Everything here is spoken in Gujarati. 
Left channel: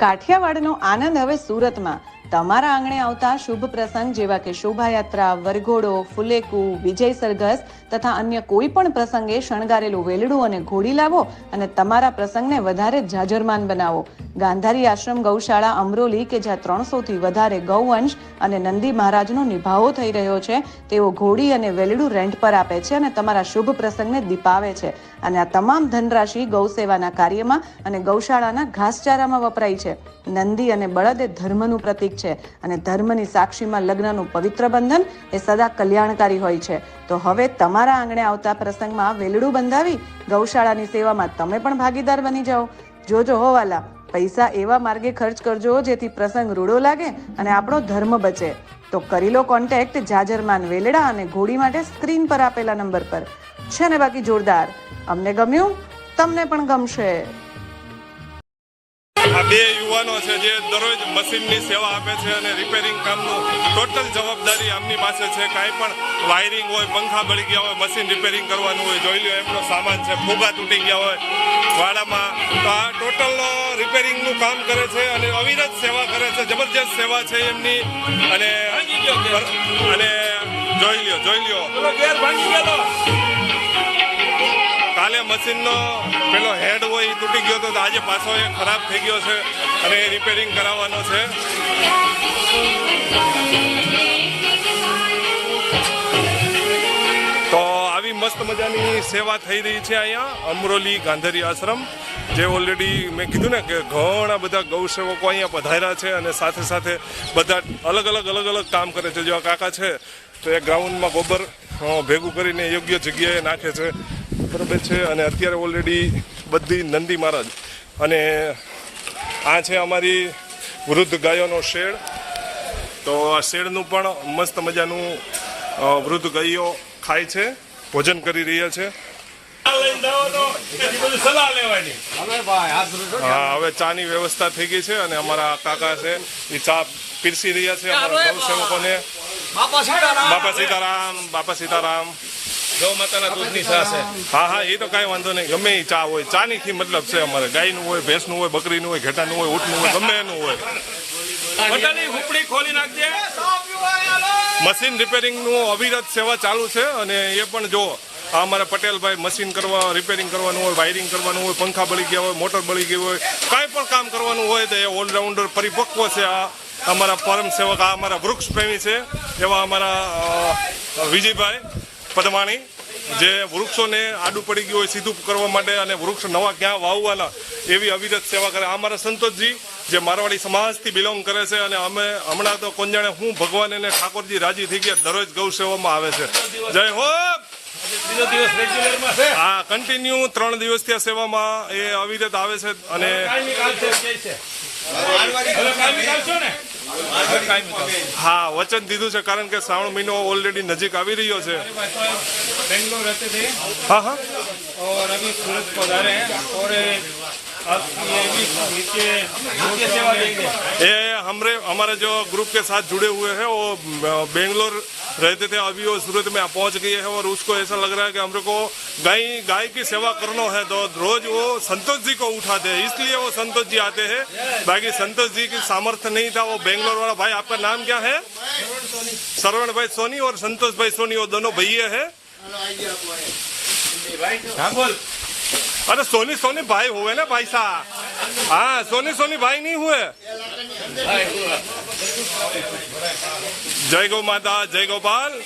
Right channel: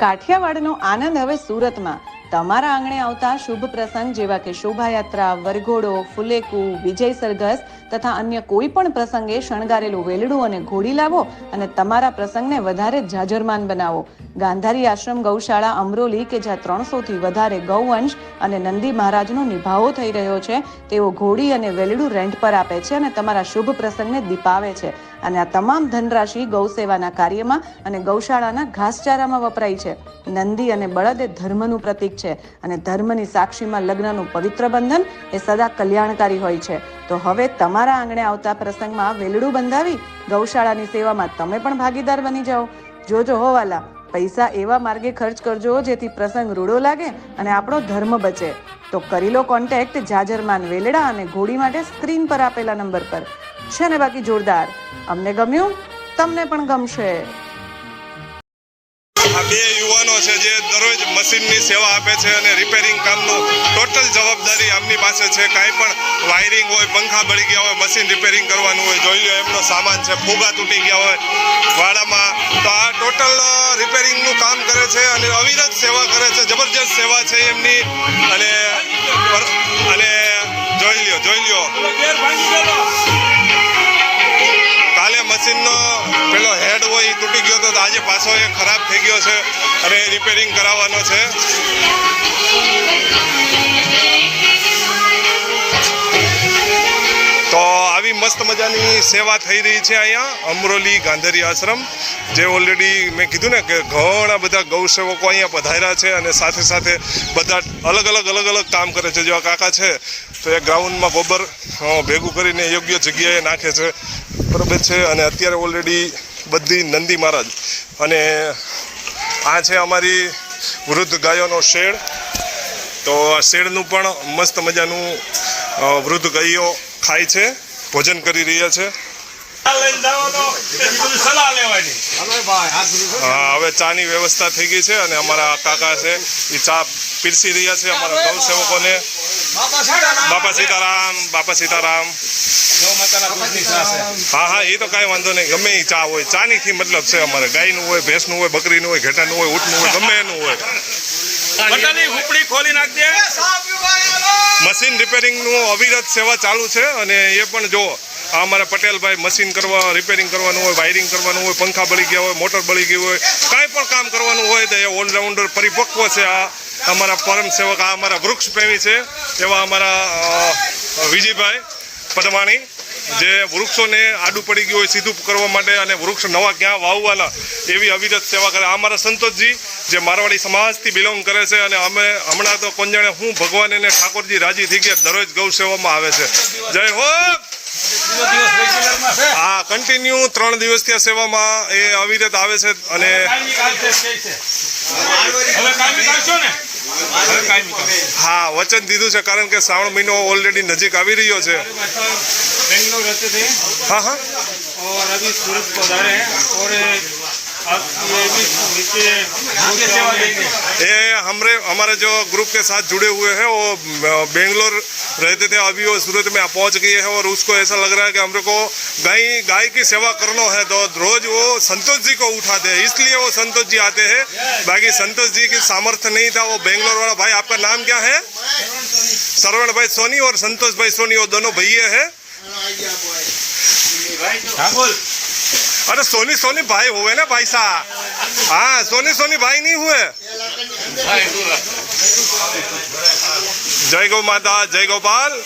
કાઠિયાવાડનો આનંદ હવે સુરતમાં. તમારા આંગણે આવતા શુભ પ્રસંગ જેવા કે શોભાયાત્રા, વરઘોડો, ફુલેકુ, વિજય સરઘસ તથા અન્ય કોઈ પણ પ્રસંગે શણગારેલું વેલડું અને ઘોડી લાવો અને તમારા પ્રસંગને વધારે જાજરમાન બનાવો. ગાંધારી આશ્રમ ગૌશાળા અમરોલી કે જ્યાં ત્રણસોથી વધારે ગૌવંશ અને નંદી મહારાજનો નિભાવો થઈ રહ્યો છે, તેઓ ઘોડી અને વેલડું રેન્ટ પર આપે છે અને તમારા શુભ પ્રસંગને દીપાવે છે. અને આ તમામ ધનરાશિ ગૌ સેવાના કાર્યમાં અને ગૌશાળાના ઘાસચારામાં વપરાય છે. નંદી અને બળદ એ ધર્મનું પ્રતીક છે અને ધર્મની સાક્ષીમાં લગ્નનું પવિત્ર બંધન એ સદા કલ્યાણકારી હોય છે. તો હવે તમારા આંગણે આવતા પ્રસંગમાં વેલડું બંધાવી ગૌશાળાની સેવામાં તમે પણ ભાગીદાર બની જાઓ. જોજો હોવાલા પૈસા એવા માર્ગે ખર્ચ કરજો જેથી પ્રસંગ રૂડો લાગે અને આપણો ધર્મ બચે. તો કરી લો કોન્ટેક્ટ જાજરમાન વેલડા અને ઘોડી માટે સ્ક્રીન પર આપેલા નંબર પર. છે ને બાકી જોરદાર. અમને ગમ્યું? તમને પણ ગમશે. આ બે યુવાનો છે જે દરરોજ મશીનની સેવા આપે છે અને રિપેરિંગ કામનું ટોટલ જવાબદારી આમની પાસે છે. કાંઈ પણ વાયરિંગ હોય, પંખા બળી ગયા હોય, મશીન રિપેરિંગ કરવાનું હોય, જોઈ લો એમનો સામાન છે. ફુગા તૂટી ગયા હોય, વાડામાં તો આ ટોટલ રિપેરિંગનું કામ કરે છે અને અવિરત સેવા કરે છે, જબરજસ્ત સેવા છે એમની. અને અને જોઈ લ્યો જોઈ લ્યો. કાલે મશીનનો પેલો હેડ હોય તૂટી ગયો હતો તો આજે પાછો એ ખરાબ થઈ ગયો છે અને રિપેરિંગ કરાવવાનો છે. મજાની સેવા થઈ રહી છે અહીંયા, અમરોલી ગાંધરી આશ્રમ, જે ઓલરેડી મેં કીધું ને કે ઘણા બધા ગૌસેવકો અહીંયા પધાર્યા છે અને સાથે સાથે બધા અલગ અલગ અલગ અલગ કામ કરે છે. જેવા કાકા છે, તો એ ગ્રાઉન્ડમાં ગોબર ભેગું કરીને યોગ્ય જગ્યાએ નાખે છે. બરાબર છે? અને અત્યારે ઓલરેડી બધી નંદી મહારાજ. અને આ છે અમારી વૃદ્ધ ગાયોનો શેડ. તો આ શેડનું પણ મસ્ત મજાનું વૃદ્ધ ગાયો ખાય છે. ભોજન કરી રહ્યા છે. હા, હવે ચાની વ્યવસ્થા થઈ ગઈ છે અને અમારા કાકા છે એ ચા પીરસી રહ્યા છે અમારા ગૌ સેવકોને. બાપા સીતારામ બાપા સીતારામ. હા હા એ તો કાંઈ વાંધો નહીં. ગમે એ ચા હોય. ચાનીથી મતલબ છે અમારે. ગાયનું હોય, ભેંસનું હોય, બકરીનું હોય, ઘેટાનું હોય, ઊંટનું હોય, ગમે એનું હોય. ખોલી નાખજે. મશીન રિપેરિંગનું અવિરત સેવા ચાલુ છે અને એ પણ જો આ અમારા પટેલભાઈ મશીન કરવા, રિપેરિંગ કરવાનું હોય, વાયરિંગ કરવાનું હોય, પંખા બળી ગયા હોય, મોટર બળી ગઈ હોય, કાંઈ પણ કામ કરવાનું હોય તો એ ઓલરાઉન્ડર પરિપક્વ છે આ અમારા પરમ સેવક, આ અમારા વૃક્ષ પ્રેમી છે એવા અમારા વિજયભાઈ પદમાણી જે વૃક્ષોને આડું પડી ગયું હોય સીધું કરવા માટે અને વૃક્ષ નવા ક્યાં વાવવાના એવી અવિરત સેવા કરે. આ અમારા સંતોષજી જે મારવાડી સમાજથી બિલોંગ કરે છે અને અમે હમણાં તો કોણ હું ભગવાન અને ઠાકોરજી રાજી થઈ ગયા, દરરોજ ગૌ સેવામાં આવે છે. જય હો! હા કન્ટિન્યુ ત્રણ દિવસ આ સેવામાં એ અવિરત આવે છે અને હા, વચન દીધું છે કારણ કે શ્રાવણ મહિનો ઓલરેડી નજીક આવી રહ્યો છે. હા હા. રવિ સુરત પધારે ये भी नीचे नीचे सेवा देंगे ये हमरे हमारे जो ग्रुप के साथ जुड़े हुए हैं वो अ, बेंगलोर रहते थे अभी वो सूरत में पहुंच गए हैं और उसको ऐसा लग रहा है कि हमरे को गाय गाय की सेवा करना है तो रोज वो संतोष जी को उठाते हैं इसलिए वो संतोष जी आते हैं बाकी संतोष जी की सामर्थ्य नहीं था वो बेंगलोर वाला भाई आपका नाम क्या है श्रवण भाई सोनी और संतोष भाई सोनी वो दोनों भैया है हाँ बोल अरे सोनी सोनी भाई हुए ना भाई साहब हाँ सोनी सोनी भाई नहीं हुए जय गौ माता जय गोपाल